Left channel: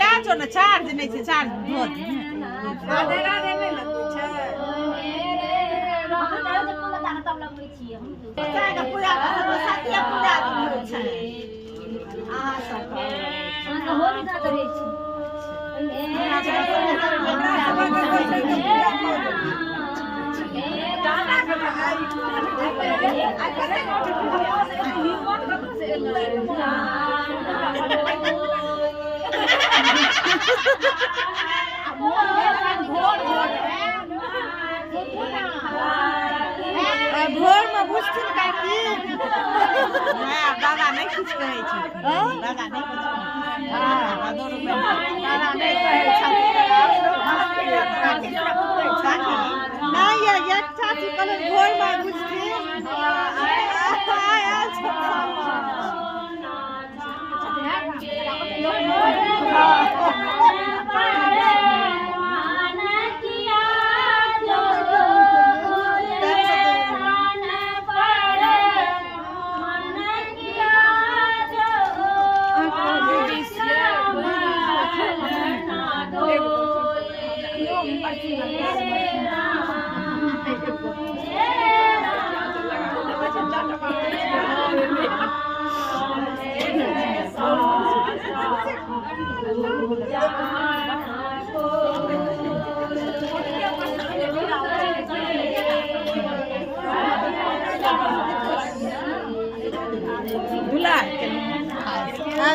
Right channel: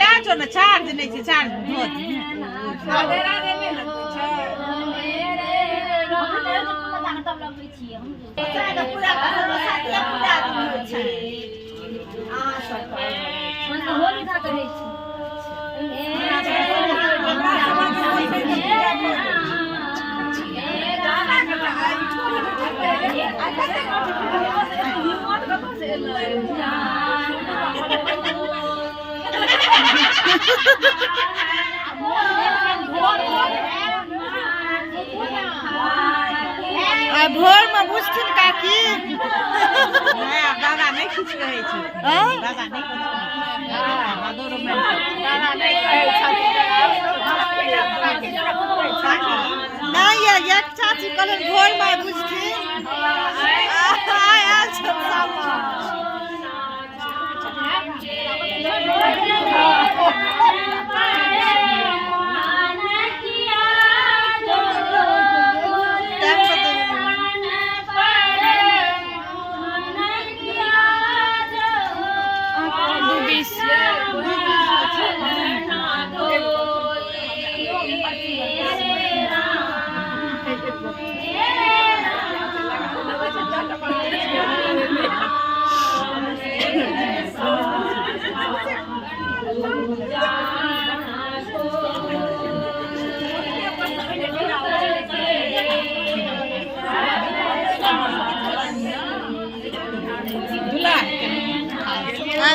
ला जो ना चार्ज नहीं छे चार्ज बहुत राधे राधे में लगै छै तब लगबै छियै हम पूरा पूरा होइ छै अहाँ सब होली दा करै छी भोर में बुझथिन काकी दादा नहीं कुछ कहै छै दादा नहीं नहीं एक चाची कहलन भोर में बुझथिन आयल सब सामा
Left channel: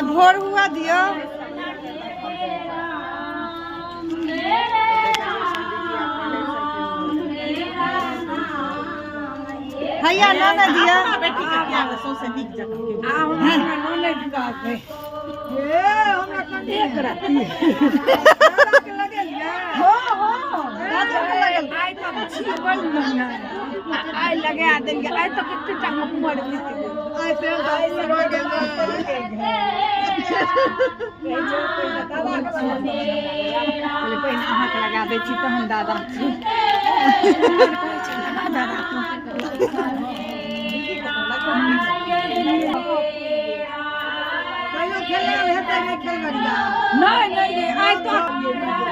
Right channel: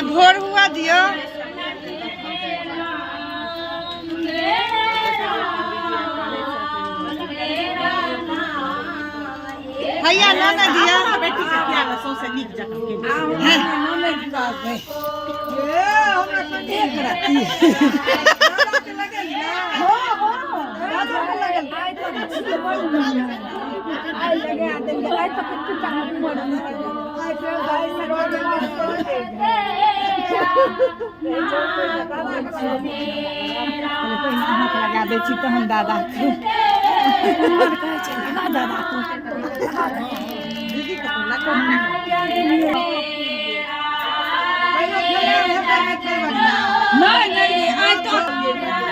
भोर हुआ दियो भैया नोने दिया बेटी के प्यार सबसे नीक जगह नोने दिया ए हमरा कंधे पर राखी हो दादा के लगल आइ तो छी बड़ बढ़िया आइ लगा देंगे आइ तो कितने चाह पड़ नहीं आइ पे दाई से रोड में हाथ लगा दै छी तहन दादा दादा दीदी के तो लगा नहीं नहीं आज तो